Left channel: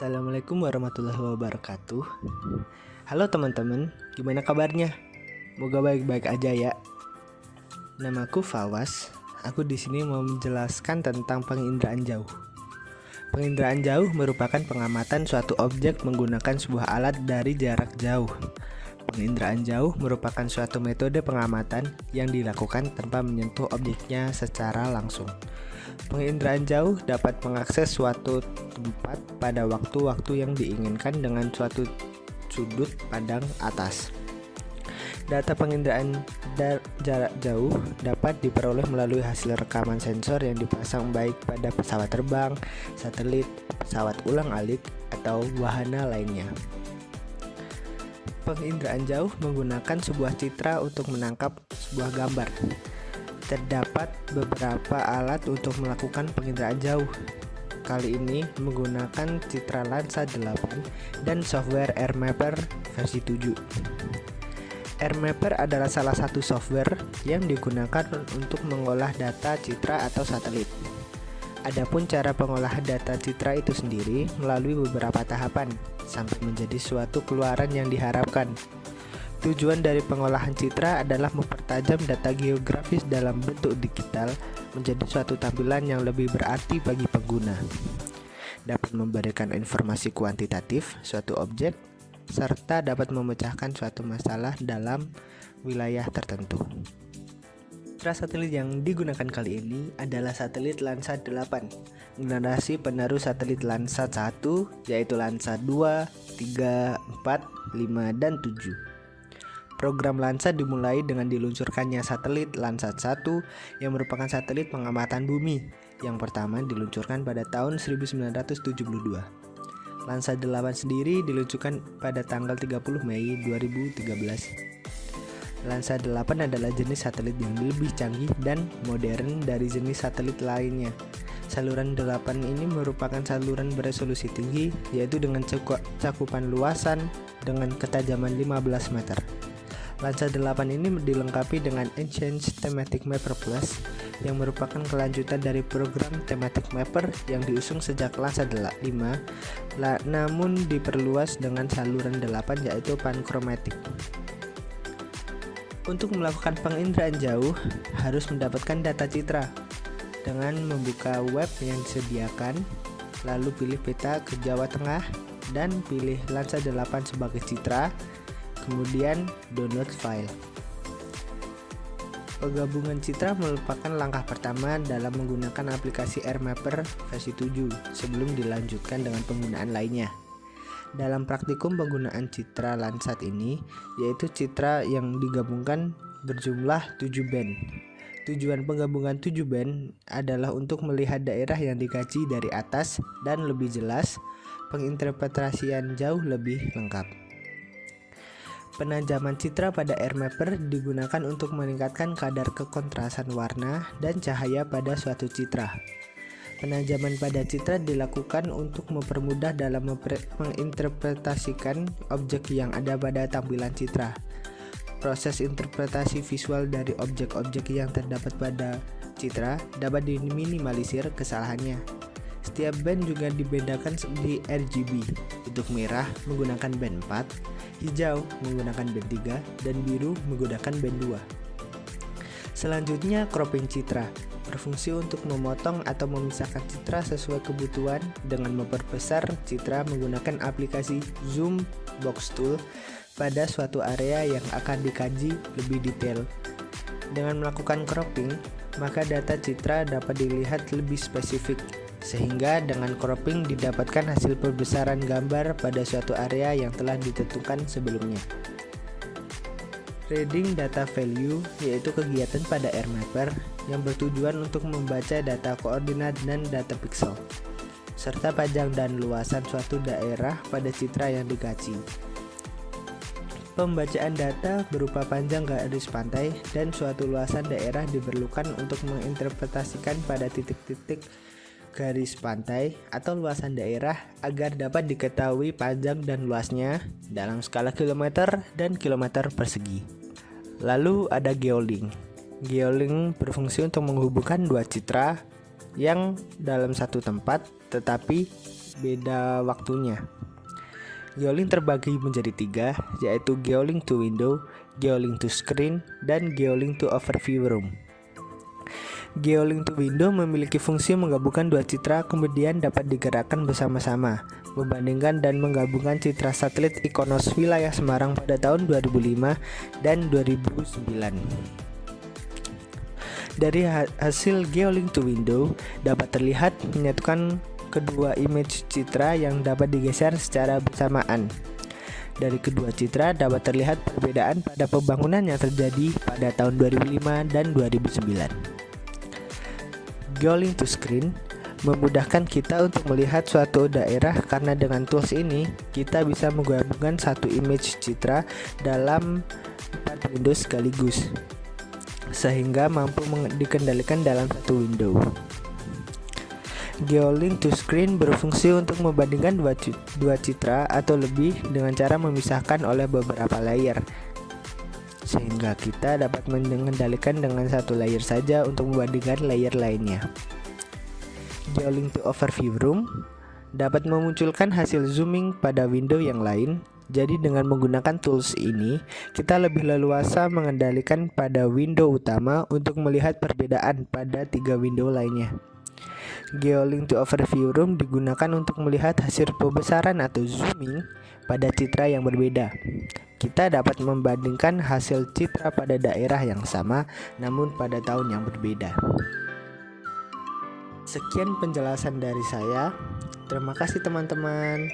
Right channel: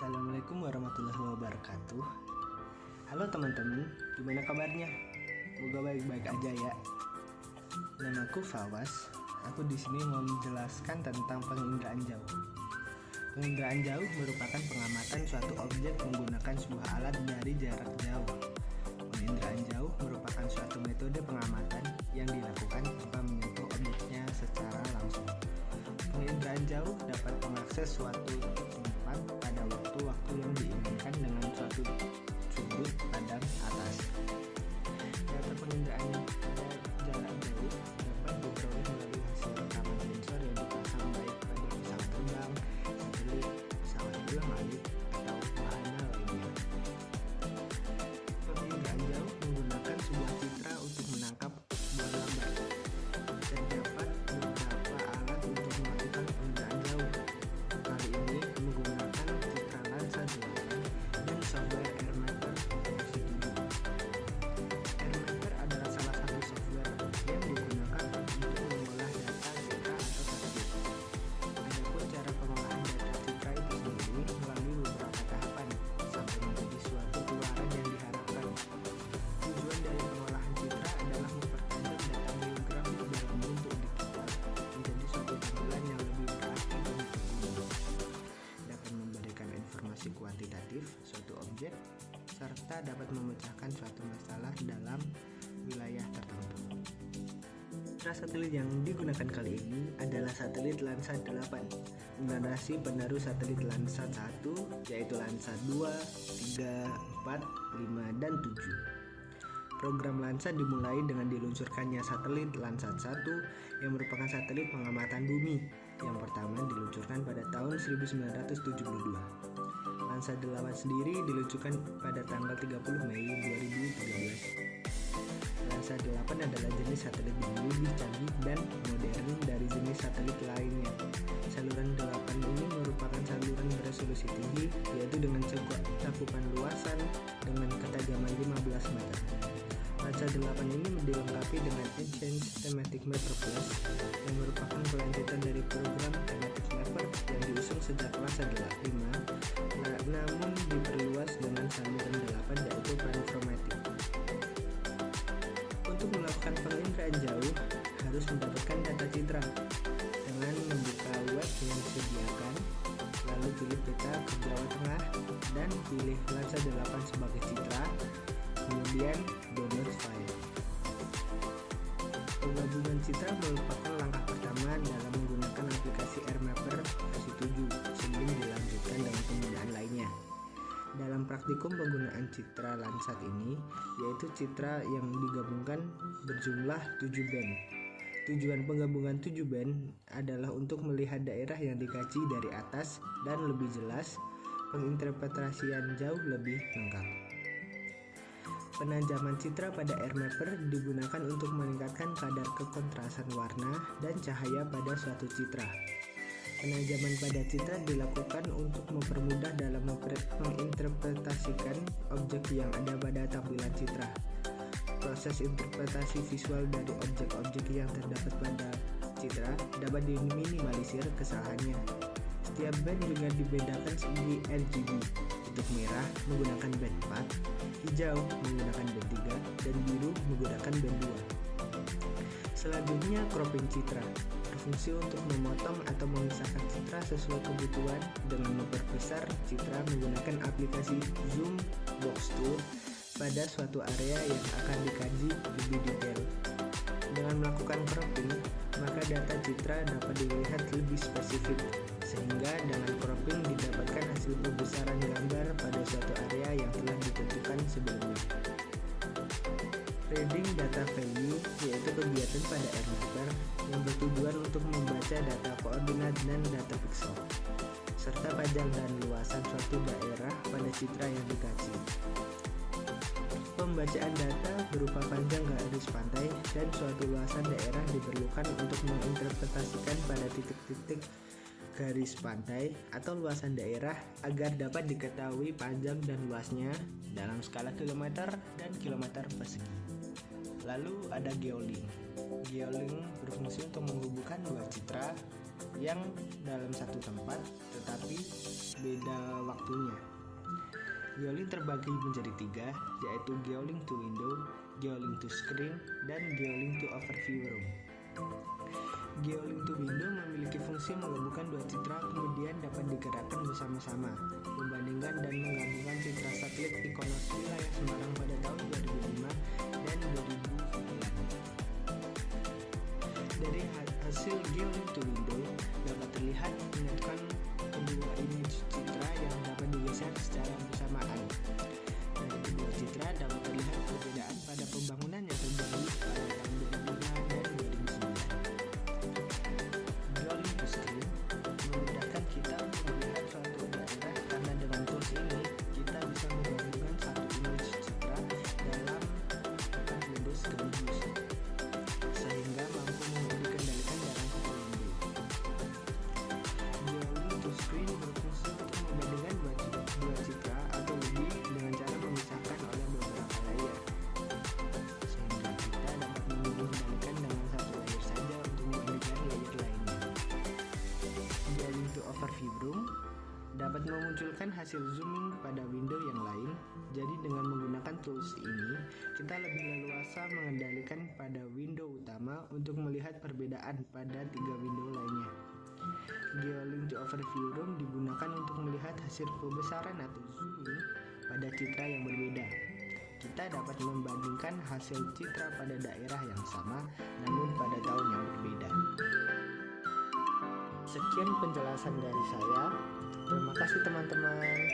Assalamualaikum warahmatullahi wabarakatuh. Halo teman-teman, gimana kabarnya? Moga baik-baik aja ya. Namaku Fawas. Aku di sini mau menjelaskan tentang penginderaan jauh. Penginderaan jauh merupakan pengamatan suatu objek menggunakan sebuah alat dari jarak jauh. Penginderaan jauh merupakan suatu metode pengamatan yang dilakukan tanpa menyentuh objeknya secara langsung. Penginderaan jauh dapat mengakses suatu tempat pada waktu-waktu yang diinginkan dengan suatu sudut pandang atas. Data penginderaan jarak jauh dapat diperoleh melalui hasil rekaman sensor yang dipasang baik pada pesawat terbang, satelit, pesawat ulang-alik, atau wahana lainnya. Penginderaan jauh menggunakan sebuah citra untuk menangkap sebuah gambar. Terdapat beberapa alat untuk melakukan penginderaan jauh. Kali ini menggunakan citra Lansa 8 dan software AirMapper versi 7. AirMapper adalah salah satu software yang digunakan untuk mengolah data citra atau satelit. Adapun cara pengolahan data citra itu sendiri melalui beberapa tahapan sampai menjadi suatu keluaran yang diharapkan. Tujuan dari pengolahan citra adalah mempertajam data geografis dalam bentuk digital menjadi suatu tampilan yang lebih berarti bagi pengguna. Dapat memberikan informasi kuantitatif suatu objek, serta dapat memecahkan suatu masalah dalam wilayah tertentu. Citra satelit yang digunakan kali ini adalah satelit Lansa 8, generasi penerus satelit Lansa 1, yaitu Lansa 2, 3, 4, 5, dan 7. Program Lansa dimulai dengan diluncurkannya satelit Landsat 1 yang merupakan satelit pengamatan bumi yang pertama diluncurkan pada tahun 1972. Lansa 8 sendiri diluncurkan pada tanggal 30 Mei 2013. Lansa 8 adalah jenis satelit yang lebih canggih dan modern dari jenis satelit lainnya. Saluran 8 ini merupakan saluran beresolusi tinggi, yaitu dengan cakupan luasan dengan ketajaman 15 meter. Lansa 8 ini dilengkapi dengan Enhanced Thematic Mapper Plus yang merupakan kelanjutan dari program Thematic Mapper yang diusung sejak Lansa 5, namun diperluas dengan saluran 8 yaitu Panchromatic. Untuk melakukan penginderaan jauh harus mendapatkan data citra dengan membuka web yang disediakan, lalu pilih peta ke Jawa Tengah dan pilih Lansa 8 sebagai citra. Kemudian download file. Penggabungan citra merupakan langkah pertama dalam menggunakan aplikasi AirMapper versi 7 sebelum dilanjutkan dengan penggunaan lainnya. Dalam praktikum penggunaan citra Landsat ini, yaitu citra yang digabungkan berjumlah 7 band. Tujuan penggabungan 7 band adalah untuk melihat daerah yang dikaji dari atas dan lebih jelas, penginterpretasian jauh lebih lengkap. Penajaman citra pada AirMapper digunakan untuk meningkatkan kadar kekontrasan warna dan cahaya pada suatu citra. Penajaman pada citra dilakukan untuk mempermudah dalam menginterpretasikan objek yang ada pada tampilan citra. Proses interpretasi visual dari objek-objek yang terdapat pada citra dapat diminimalisir kesalahannya. Setiap band juga dibedakan di RGB. Untuk merah menggunakan band 4, hijau menggunakan band 3, dan biru menggunakan band 2. Selanjutnya cropping citra, berfungsi untuk memotong atau memisahkan citra sesuai kebutuhan dengan memperbesar citra menggunakan aplikasi Zoom Box Tool pada suatu area yang akan dikaji lebih detail. Dengan melakukan cropping, maka data citra dapat dilihat lebih spesifik, sehingga dengan cropping didapatkan hasil perbesaran gambar pada suatu area yang telah ditentukan sebelumnya. Reading data value yaitu kegiatan pada AirMapper yang bertujuan untuk membaca data koordinat dan data pixel, serta panjang dan luasan suatu daerah pada citra yang dikaji. Pembacaan data berupa panjang garis pantai dan suatu luasan daerah diperlukan untuk menginterpretasikan pada titik-titik garis pantai atau luasan daerah agar dapat diketahui panjang dan luasnya dalam skala kilometer dan kilometer persegi. Lalu ada geolink. Geolink berfungsi untuk menghubungkan dua citra yang dalam satu tempat tetapi beda waktunya. Geolink terbagi menjadi 3, yaitu geolink to window, geolink to screen, dan geolink to overview room. Geolink to window memiliki fungsi menggabungkan dua citra kemudian dapat digerakkan bersama-sama, membandingkan dan menggabungkan citra satelit Ikonos wilayah Semarang pada tahun 2005 dan 2009. Dari hasil geolink to window dapat terlihat menyatukan kedua image citra yang dapat digeser secara bersamaan. Dari kedua citra dapat terlihat perbedaan pada pembangunan yang terjadi pada tahun 2005 dan 2009. Geolink to screen memudahkan kita untuk melihat suatu daerah karena dengan tools ini kita bisa menggabungkan satu image citra dalam 4 window sekaligus sehingga mampu dikendalikan dalam satu window. Geolink to screen berfungsi untuk membandingkan dua citra atau lebih dengan cara memisahkan oleh beberapa layer, sehingga kita dapat mengendalikan dengan satu layer saja untuk membandingkan layer lainnya. Geolink to overview room dapat memunculkan hasil zooming pada window yang lain. Jadi dengan menggunakan tools ini, kita lebih leluasa mengendalikan pada window utama untuk melihat perbedaan pada 3 window lainnya. Geolink to overview room digunakan untuk melihat hasil pembesaran atau zooming pada citra yang berbeda. Kita dapat membandingkan hasil citra pada daerah yang sama namun pada tahun yang berbeda. Sekian penjelasan dari saya. Terima kasih teman-teman.